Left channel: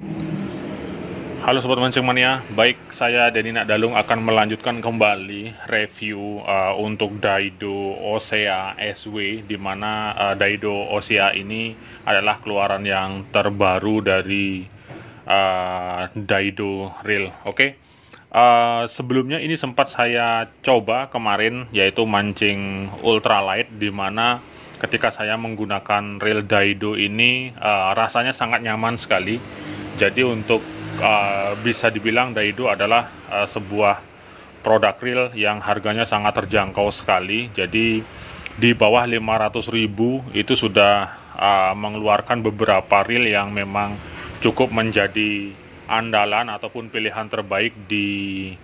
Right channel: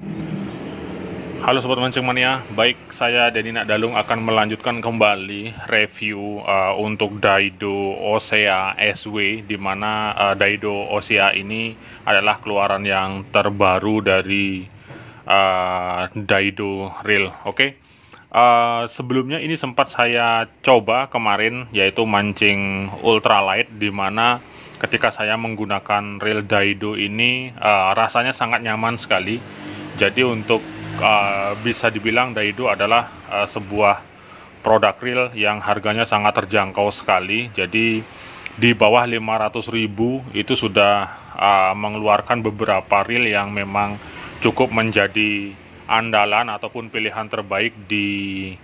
Halo Sobat Mancing Mania, baik saya Denny Nakdalung akan melanjutkan kembali review untuk Daido Osea SW, di mana Daido Osea ini adalah keluaran yang terbaru dari Daido Reel. Oke. Sebelumnya ini sempat saya coba kemarin, yaitu mancing ultralight, di mana ketika saya menggunakan reel Daido ini rasanya sangat nyaman sekali. Jadi untuk bisa dibilang Daido adalah sebuah produk reel yang harganya sangat terjangkau sekali. Jadi di bawah 500.000 itu sudah mengeluarkan beberapa reel yang memang cukup menjadi andalan ataupun pilihan terbaik di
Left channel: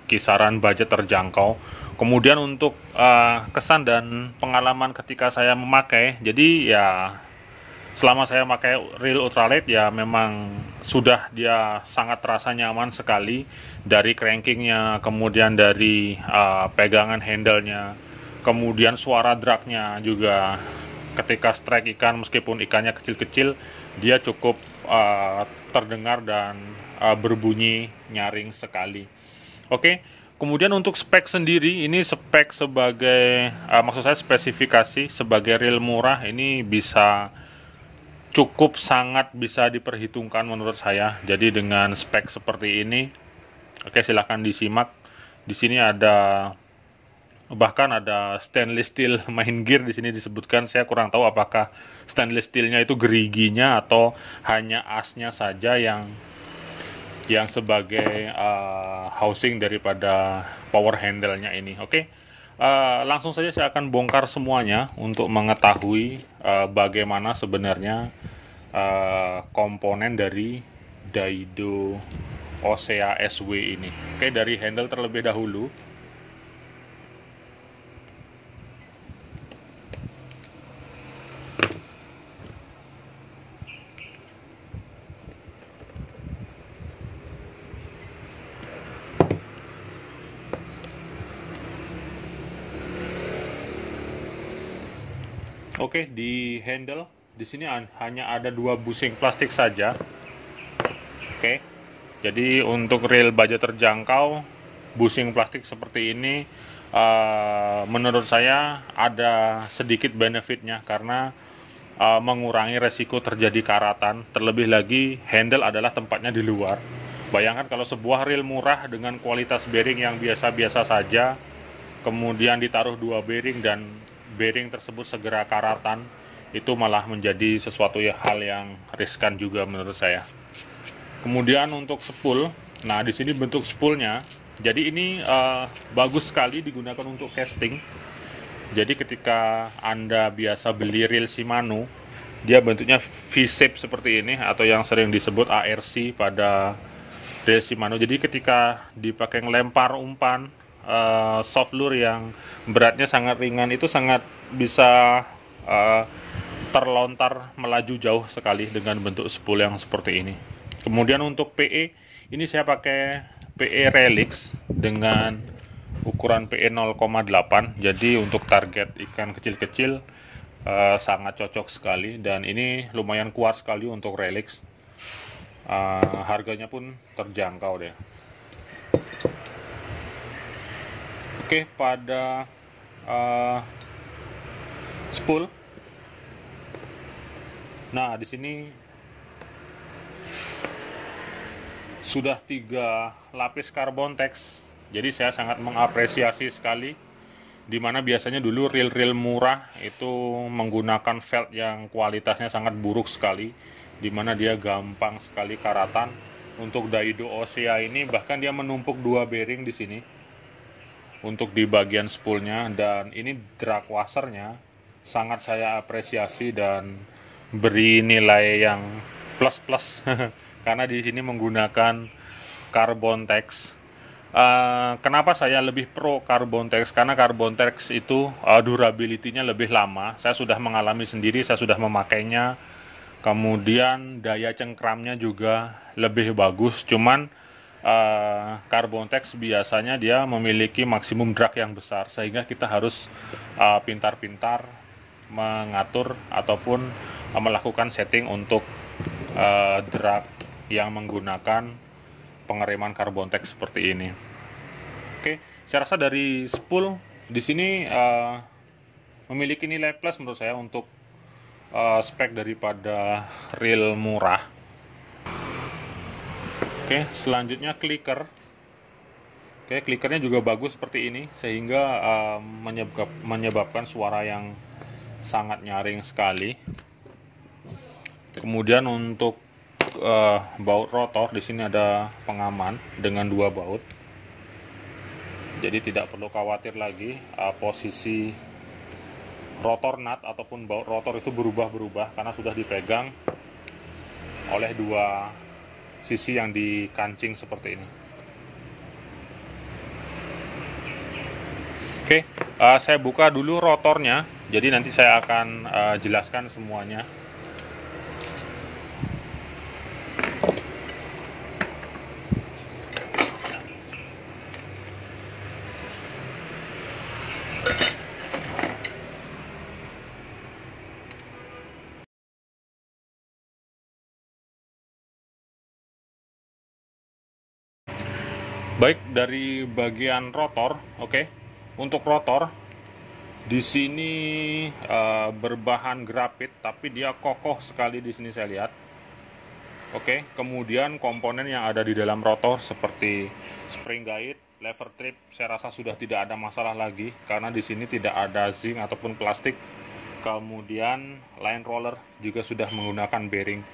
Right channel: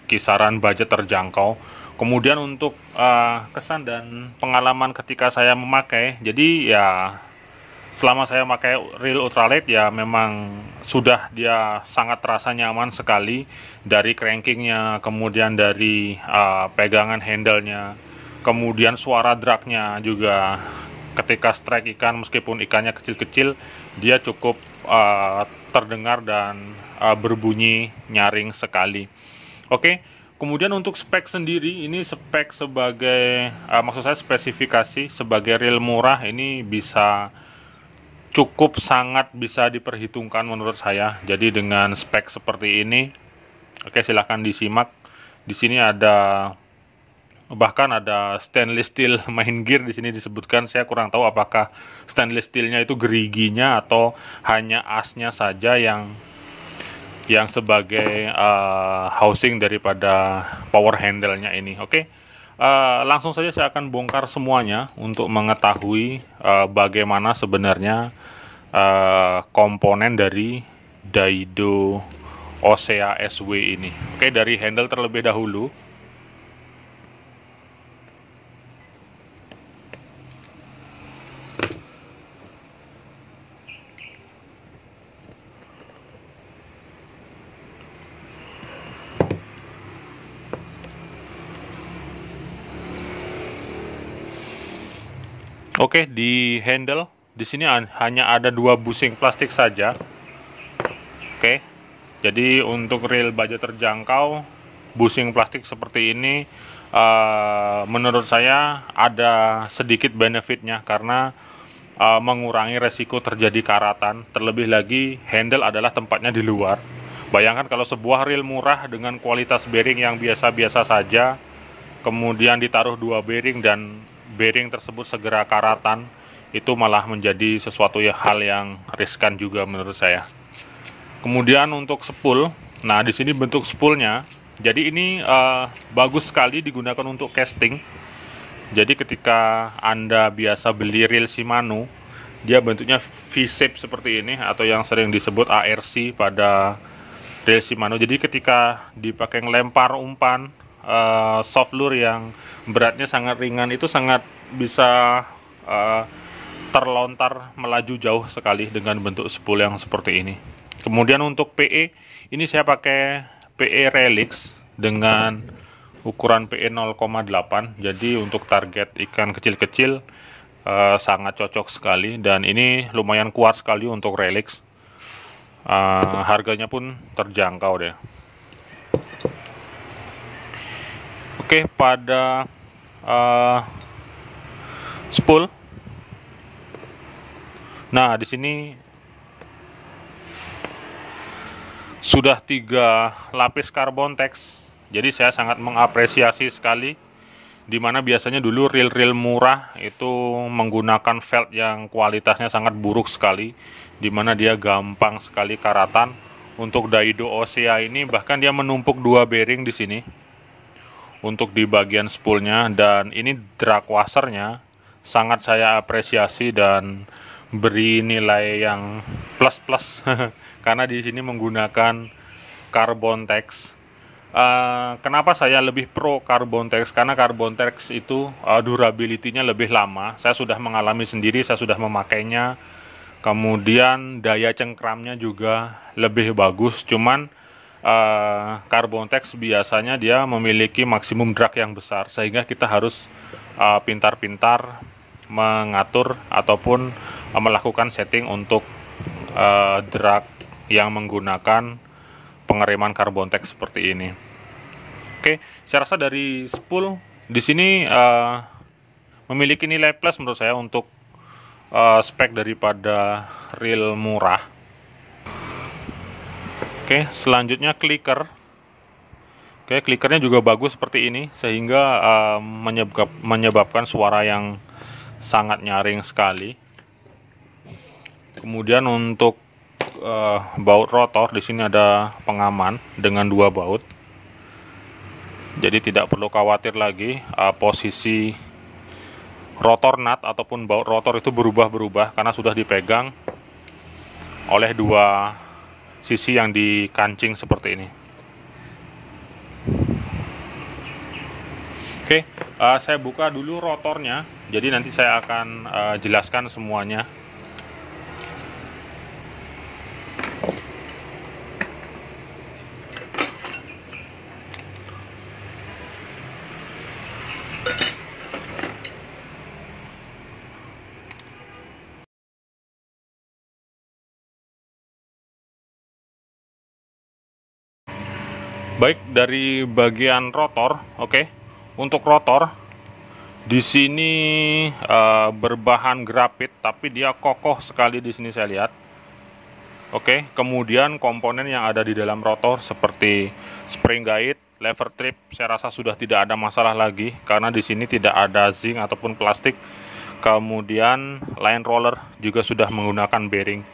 kisaran budget terjangkau. Kemudian untuk kesan dan pengalaman ketika saya memakai, jadi ya selama saya pakai reel ultralight ya memang sudah dia sangat terasa nyaman sekali, dari crankingnya, kemudian dari pegangan handle-nya, kemudian suara dragnya juga ketika strike ikan, meskipun ikannya kecil-kecil, dia cukup terdengar dan berbunyi nyaring sekali. Oke. Kemudian untuk spek sendiri, ini spek sebagai maksud saya spesifikasi sebagai reel murah ini bisa cukup sangat bisa diperhitungkan menurut saya. Jadi dengan spek seperti ini, oke, silahkan disimak. Di sini ada bahkan ada stainless steel main gear di sini disebutkan. Saya kurang tahu apakah stainless steelnya itu geriginya atau hanya asnya saja yang sebagai housing daripada power handle-nya ini. Oke. Langsung saja saya akan bongkar semuanya untuk mengetahui bagaimana sebenarnya komponen dari Daido Osea SW ini. Oke, dari handle terlebih dahulu. Oke, di handle di sini hanya ada 2 busing plastik saja. Oke. Jadi untuk reel budget terjangkau, busing plastik seperti ini menurut saya ada sedikit benefitnya, karena mengurangi resiko terjadi karatan. Terlebih lagi handle adalah tempatnya di luar. Bayangkan kalau sebuah reel murah dengan kualitas bearing yang biasa-biasa saja, kemudian ditaruh 2 bearing dan bearing tersebut segera karatan, itu malah menjadi sesuatu hal yang riskan juga menurut saya. Kemudian untuk spool, nah di sini bentuk spoolnya, jadi ini bagus sekali digunakan untuk casting. Jadi ketika Anda biasa beli reel Shimano, dia bentuknya V-shape seperti ini, atau yang sering disebut ARC pada reel Shimano. Jadi ketika dipakai ngelempar umpan soft lure yang beratnya sangat ringan, itu sangat bisa terlontar melaju jauh sekali dengan bentuk spool yang seperti ini. Kemudian untuk PE, ini saya pakai PE Relix dengan ukuran PE 0,8. Jadi untuk target ikan kecil-kecil sangat cocok sekali, dan ini lumayan kuat sekali untuk Relix. Harganya pun terjangkau deh. Oke, pada spool. Nah, di sini sudah 3 lapis karbon tex. Jadi saya sangat mengapresiasi sekali, dimana biasanya dulu reel-reel murah itu menggunakan felt yang kualitasnya sangat buruk sekali, dimana dia gampang sekali karatan. Untuk Daido Osea ini bahkan dia menumpuk 2 bearing di sini untuk di bagian spoolnya, dan ini drag washernya sangat saya apresiasi dan beri nilai yang plus karena di sini menggunakan carbon tex. Kenapa saya lebih pro carbon tex? Karena carbon tex itu durability-nya lebih lama. Saya sudah mengalami sendiri, saya sudah memakainya. Kemudian daya cengkramnya juga lebih bagus. Cuman carbon tex biasanya dia memiliki maksimum drag yang besar, sehingga kita harus pintar-pintar mengatur ataupun melakukan setting untuk drag yang menggunakan pengereman Carbontex seperti ini. Oke, saya rasa dari spool di sini memiliki nilai plus menurut saya untuk spek daripada reel murah. Oke, selanjutnya clicker. Oke, clickernya juga bagus seperti ini sehingga menyebabkan suara yang sangat nyaring sekali. Kemudian untuk baut rotor di sini ada pengaman dengan 2 baut. Jadi tidak perlu khawatir lagi posisi rotor nut ataupun baut rotor itu berubah-berubah karena sudah dipegang oleh 2 sisi yang dikancing seperti ini. Oke, saya buka dulu rotornya. Jadi nanti saya akan jelaskan semuanya. Baik, dari bagian rotor, oke. Untuk rotor di sini berbahan grafit, tapi dia kokoh sekali di sini saya lihat. Oke, kemudian komponen yang ada di dalam rotor seperti spring guide, lever trip, saya rasa sudah tidak ada masalah lagi karena di sini tidak ada zinc ataupun plastik. Kemudian line roller juga sudah menggunakan bearing.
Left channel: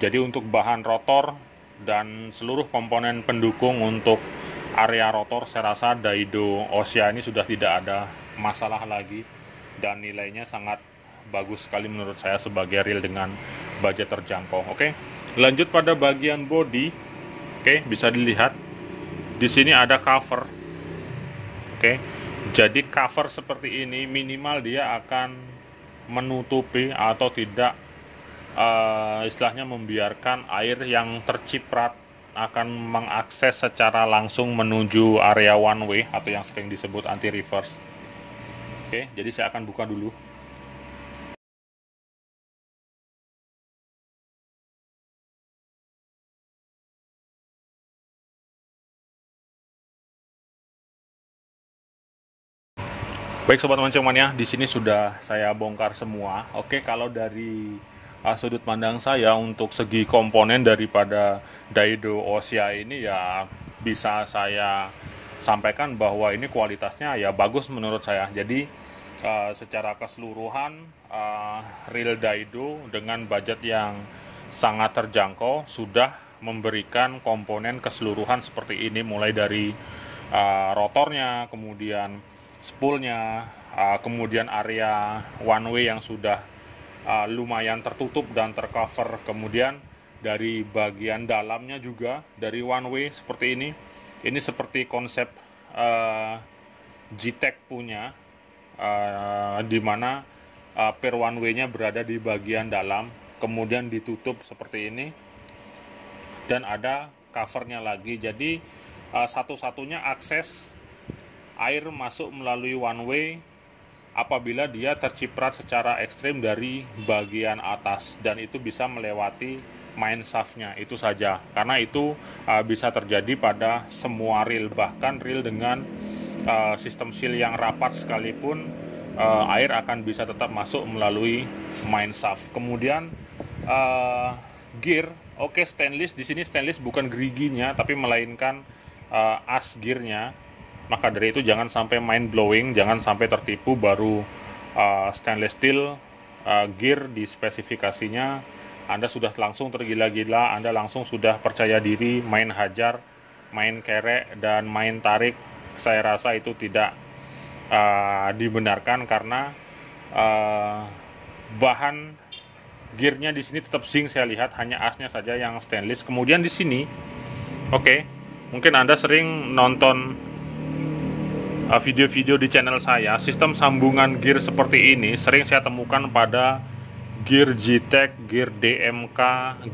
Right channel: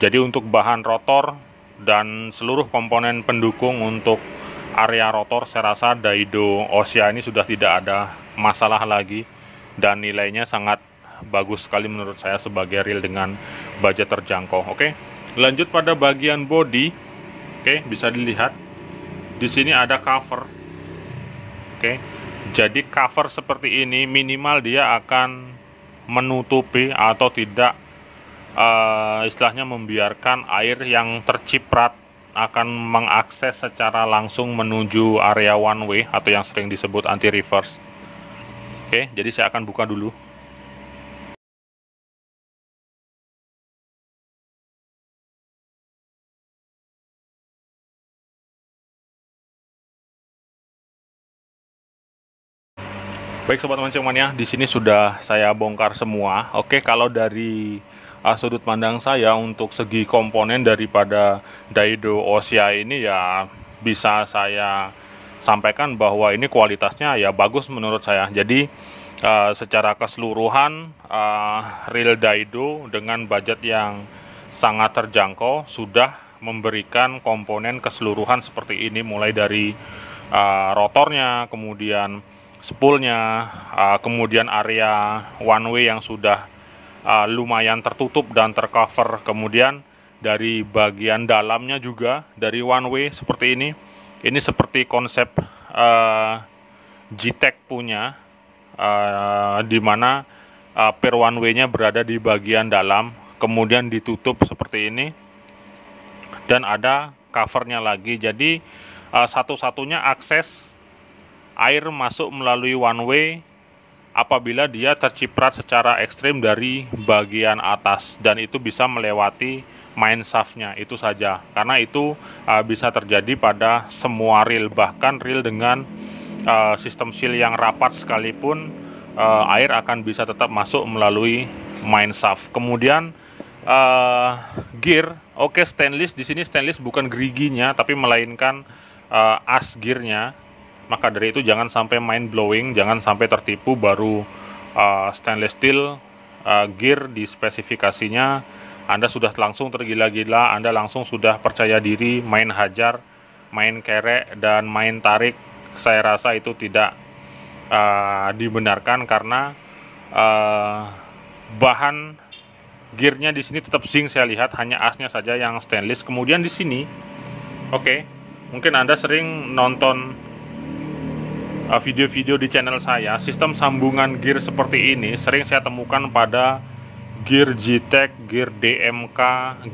Jadi untuk bahan rotor dan seluruh komponen pendukung untuk area rotor, saya rasa Daido Ossia ini sudah tidak ada masalah lagi dan nilainya sangat bagus sekali menurut saya sebagai reel dengan budget terjangkau. Oke, lanjut pada bagian body. Oke, bisa dilihat di sini ada cover. Oke, jadi cover seperti ini minimal dia akan menutupi atau tidak istilahnya membiarkan air yang terciprat akan mengakses secara langsung menuju area one way atau yang sering disebut anti reverse. Oke, jadi saya akan buka dulu. Baik sobat mancing mania, di sini sudah saya bongkar semua. Oke, kalau dari sudut pandang saya untuk segi komponen daripada Daido Ossia ini ya bisa saya sampaikan bahwa ini kualitasnya ya bagus menurut saya. Jadi secara keseluruhan reel Daido dengan budget yang sangat terjangkau sudah memberikan komponen keseluruhan seperti ini, mulai dari rotornya, kemudian spoolnya, kemudian area one way yang sudah lumayan tertutup dan tercover, kemudian dari bagian dalamnya juga dari one way seperti ini seperti konsep G-Tech punya, di mana per one way-nya berada di bagian dalam, kemudian ditutup seperti ini dan ada covernya lagi. Jadi satu-satunya akses air masuk melalui one way apabila dia terciprat secara ekstrim dari bagian atas, dan itu bisa melewati main shaft-nya, itu saja. Karena itu bisa terjadi pada semua reel, bahkan reel dengan sistem seal yang rapat sekalipun air akan bisa tetap masuk melalui main shaft. Kemudian gear, oke, stainless. Di sini stainless bukan geriginya tapi melainkan as gearnya. Maka dari itu jangan sampai mind blowing, jangan sampai tertipu baru stainless steel gear di spesifikasinya Anda sudah langsung tergila-gila, Anda langsung sudah percaya diri main hajar, main kerek, dan main tarik. Saya rasa itu tidak dibenarkan karena bahan gearnya di sini tetap zinc, saya lihat hanya asnya saja yang stainless. Kemudian di sini, oke, mungkin Anda sering nonton video-video di channel saya, sistem sambungan gear seperti ini sering saya temukan pada gear G-Tech, gear DMK,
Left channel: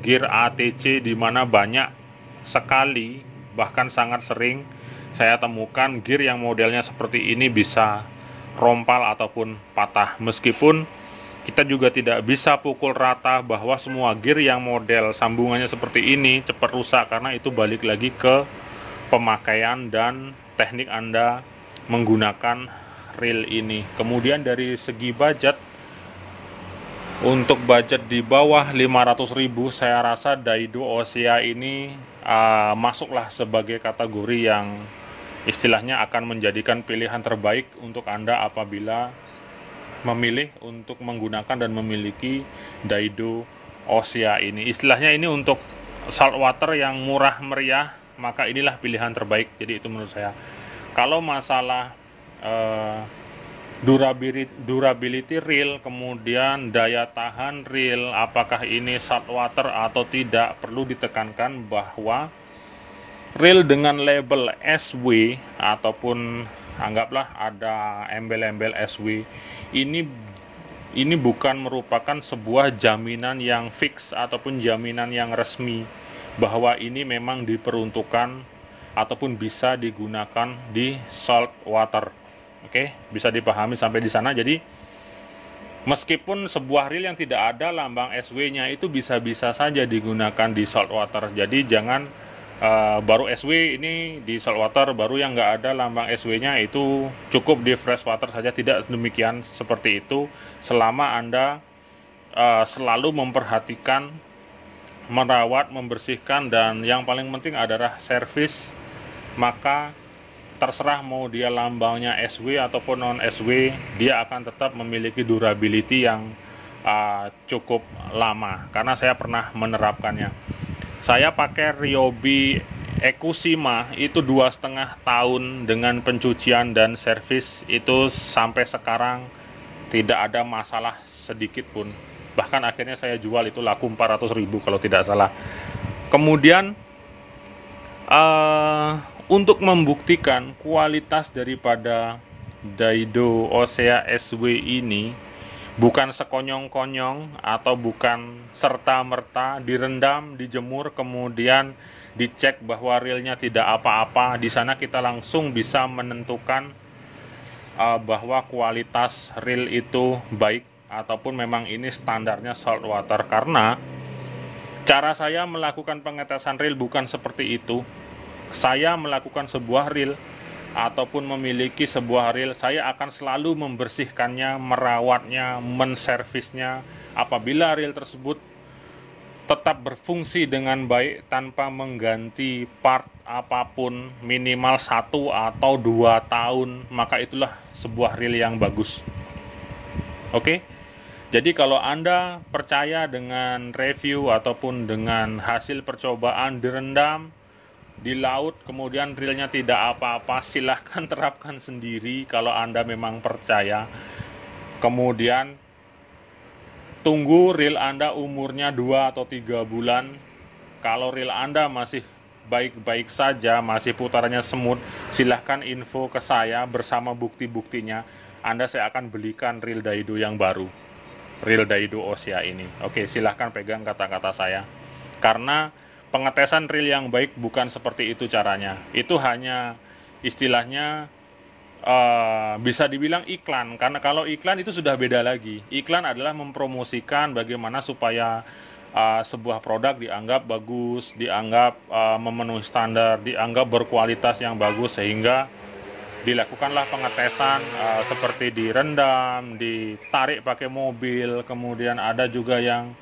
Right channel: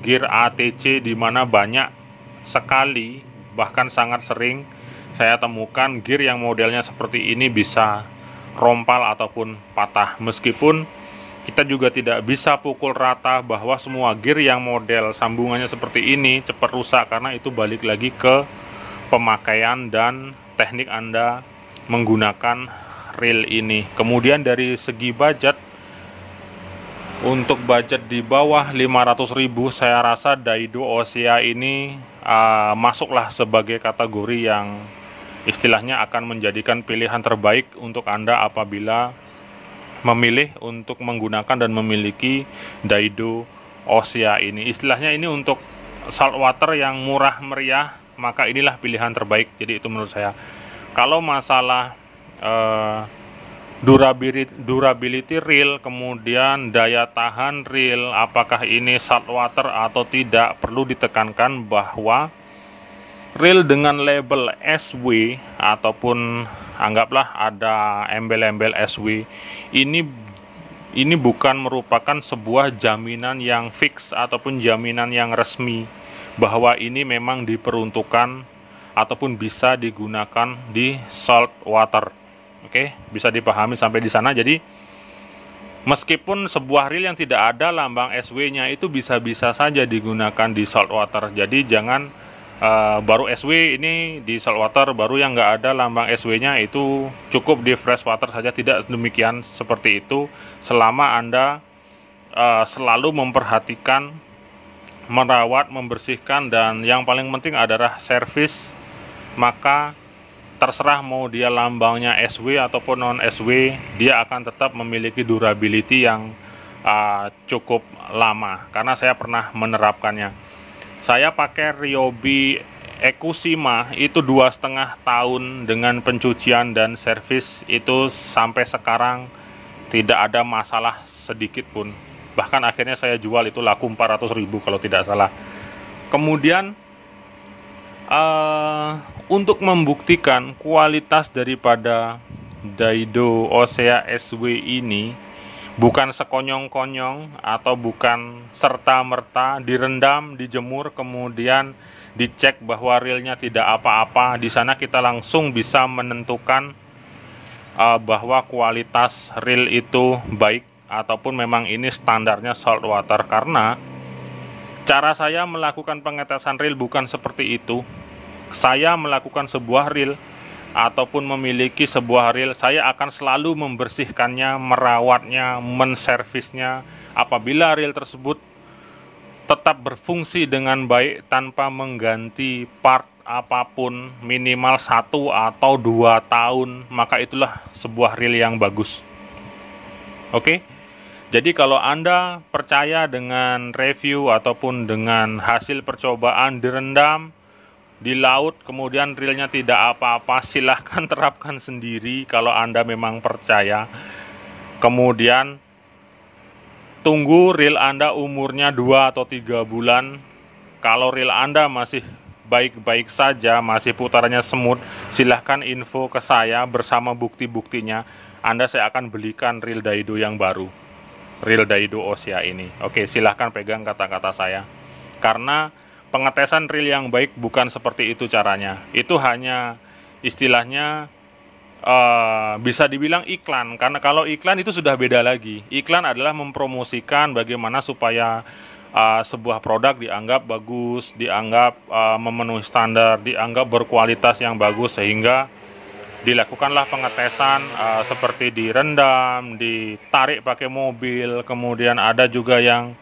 gear ATC, di mana banyak sekali, bahkan sangat sering saya temukan gear yang modelnya seperti ini bisa rompal ataupun patah. Meskipun Kita juga tidak bisa pukul rata bahwa semua gear yang model sambungannya seperti ini cepat rusak, karena itu balik lagi ke pemakaian dan teknik Anda menggunakan reel ini. Kemudian dari segi budget, untuk budget di bawah 500.000, saya rasa Daido Osea ini masuklah sebagai kategori yang istilahnya akan menjadikan pilihan terbaik untuk Anda apabila memilih untuk menggunakan dan memiliki Daido Osea ini. Istilahnya ini untuk saltwater yang murah meriah, maka inilah pilihan terbaik. Jadi itu menurut saya. Kalau masalah durability reel, kemudian daya tahan reel, apakah ini saltwater atau tidak, perlu ditekankan bahwa reel dengan label SW ataupun anggaplah ada embel-embel SW, ini bukan merupakan sebuah jaminan yang fix ataupun jaminan yang resmi bahwa ini memang diperuntukkan ataupun bisa digunakan di salt water. Oke, bisa dipahami sampai di sana. Jadi meskipun sebuah reel yang tidak ada lambang SW-nya itu bisa-bisa saja digunakan di salt water. Jadi jangan baru SW ini di saltwater, baru yang nggak ada lambang SW-nya itu cukup di freshwater saja. Tidak demikian seperti itu. Selama Anda selalu memperhatikan, merawat, membersihkan, dan yang paling penting adalah servis, maka terserah mau dia lambangnya SW ataupun non SW, dia akan tetap memiliki durability yang cukup lama, karena saya pernah menerapkannya. Saya pakai Ryobi Ekusima itu 2,5 tahun dengan pencucian dan servis itu sampai sekarang tidak ada masalah sedikit pun. Bahkan akhirnya saya jual, itu laku 400.000 kalau tidak salah. Kemudian untuk membuktikan kualitas daripada Daido Osea SW ini, bukan sekonyong-konyong atau bukan serta-merta direndam, dijemur, kemudian dicek bahwa reelnya tidak apa-apa. Di sana kita langsung bisa menentukan bahwa kualitas reel itu baik ataupun memang ini standarnya saltwater. Karena cara saya melakukan pengetesan reel bukan seperti itu. Saya melakukan sebuah reel ataupun memiliki sebuah reel, saya akan selalu membersihkannya, merawatnya, menservisnya. Apabila reel tersebut tetap berfungsi dengan baik tanpa mengganti part apapun minimal 1 atau 2 tahun, maka itulah sebuah reel yang bagus. Oke? Jadi kalau Anda percaya dengan review ataupun dengan hasil percobaan direndam di laut, kemudian reelnya tidak apa-apa, silahkan terapkan sendiri kalau Anda memang percaya. Kemudian tunggu reel Anda umurnya 2 atau 3 bulan. Kalau reel Anda masih baik-baik saja, masih putarannya semut, silahkan info ke saya bersama bukti-buktinya. Saya akan belikan reel Daido yang baru, reel Daido Osea ini. Oke, silahkan pegang kata-kata saya. Karena pengetesan reel yang baik bukan seperti itu caranya. Itu hanya istilahnya bisa dibilang iklan. Karena kalau iklan itu sudah beda lagi. Iklan adalah mempromosikan bagaimana supaya sebuah produk dianggap bagus, dianggap memenuhi standar, dianggap berkualitas yang bagus, sehingga dilakukanlah pengetesan seperti direndam, ditarik pakai mobil, kemudian ada juga yang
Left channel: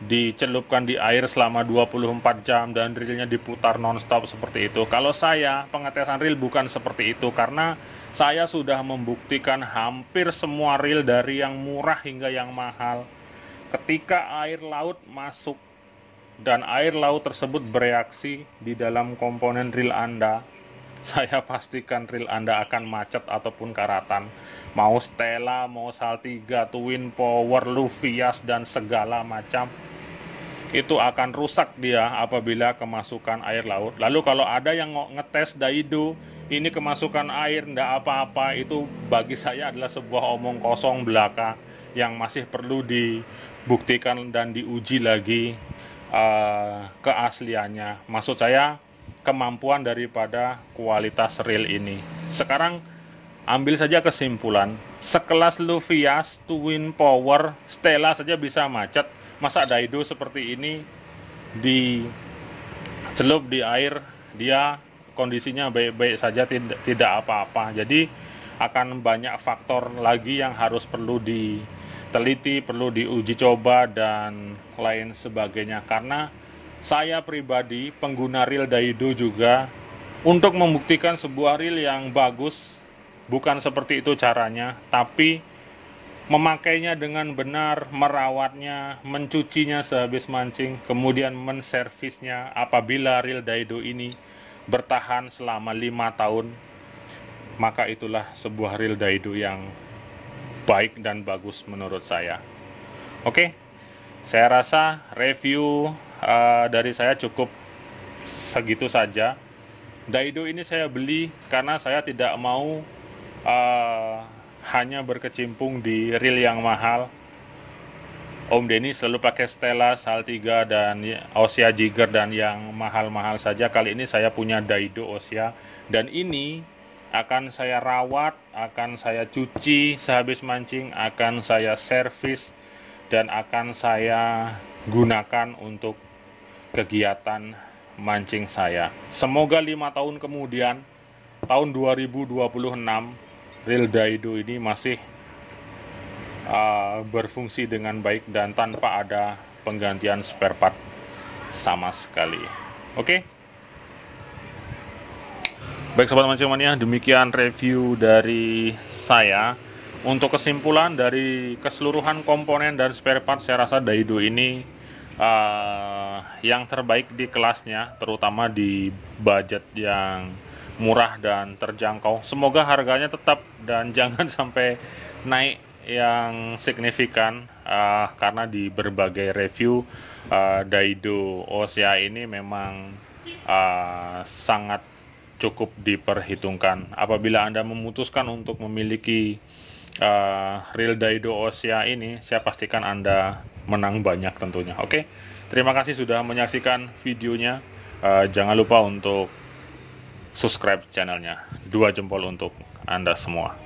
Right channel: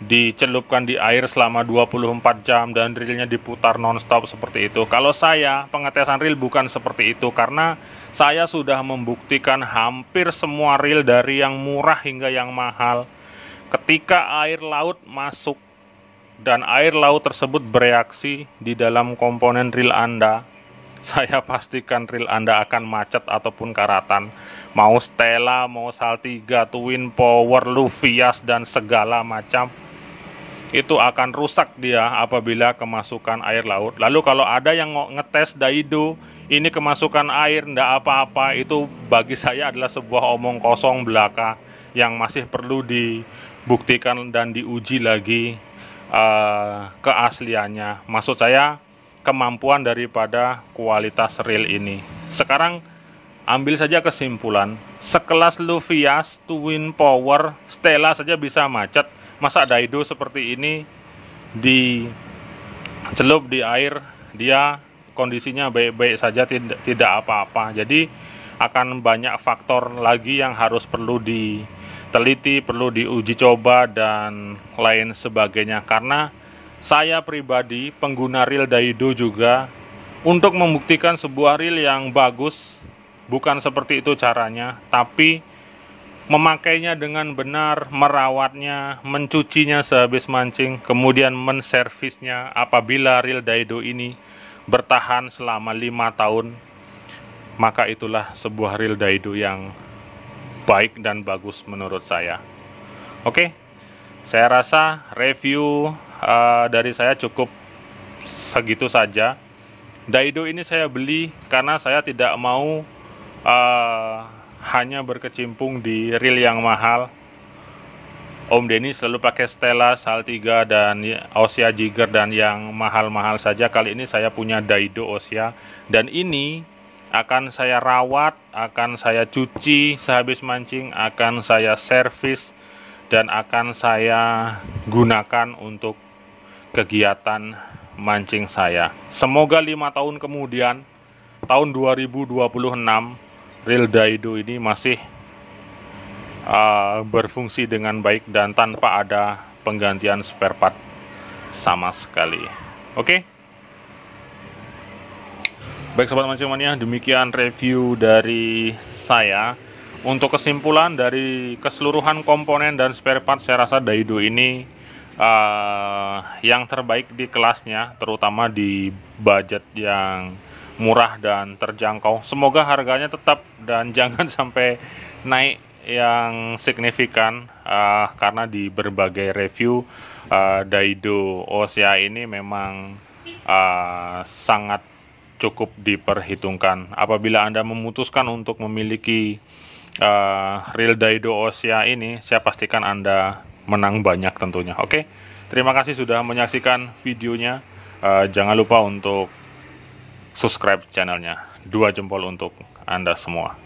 dicelupkan di air selama 24 jam dan reelnya diputar nonstop seperti itu. Kalau saya, pengetesan reel bukan seperti itu, karena saya sudah membuktikan hampir semua reel dari yang murah hingga yang mahal. Ketika air laut masuk dan air laut tersebut bereaksi di dalam komponen reel Anda, saya pastikan reel Anda akan macet ataupun karatan. Mau Stella, mau Saltiga, Twin Power, Luvias, dan segala macam, itu akan rusak dia apabila kemasukan air laut. Lalu kalau ada yang ngetes Daido, ini kemasukan air, ndak apa-apa, itu bagi saya adalah sebuah omong kosong belaka yang masih perlu dibuktikan dan diuji lagi keasliannya. Maksud saya, kemampuan daripada kualitas reel ini. Sekarang ambil saja kesimpulan, sekelas Luvias, Twin Power, Stella saja bisa macet, masa Daido seperti ini dicelup di air, dia kondisinya baik-baik saja, tidak apa-apa. Jadi akan banyak faktor lagi yang harus perlu diteliti, perlu diuji coba dan lain sebagainya. Karena saya pribadi pengguna reel Daido juga, untuk membuktikan sebuah reel yang bagus, bukan seperti itu caranya, tapi memakainya dengan benar, merawatnya, mencucinya sehabis mancing, kemudian menservisnya. Apabila reel Daido ini bertahan selama 5 tahun, maka itulah sebuah reel Daido yang baik dan bagus menurut saya. Oke, saya rasa review dari saya cukup segitu saja. Daido ini saya beli karena saya tidak mau hanya berkecimpung di reel yang mahal. Om Denny selalu pakai Stella, Saltiga, dan Ossia Jigger dan yang mahal-mahal saja. Kali ini saya punya Daido Ossia, dan ini akan saya rawat, akan saya cuci sehabis mancing, akan saya servis, dan akan saya gunakan untuk kegiatan mancing saya. Semoga 5 tahun kemudian, tahun 2026, reel Daido ini masih berfungsi dengan baik dan tanpa ada penggantian spare part sama sekali. Oke? Baik sobat mancing mania, demikian review dari saya. Untuk kesimpulan dari keseluruhan komponen dan spare part, saya rasa Daido ini yang terbaik di kelasnya, terutama di budget yang murah dan terjangkau. Semoga harganya tetap dan jangan sampai naik yang signifikan, karena di berbagai review Daido Ossia ini memang sangat cukup diperhitungkan. Apabila Anda memutuskan untuk memiliki reel Daido Ossia ini, saya pastikan Anda menang banyak tentunya. Oke, terima kasih sudah menyaksikan videonya. Jangan lupa untuk subscribe channelnya. 2 jempol untuk Anda semua.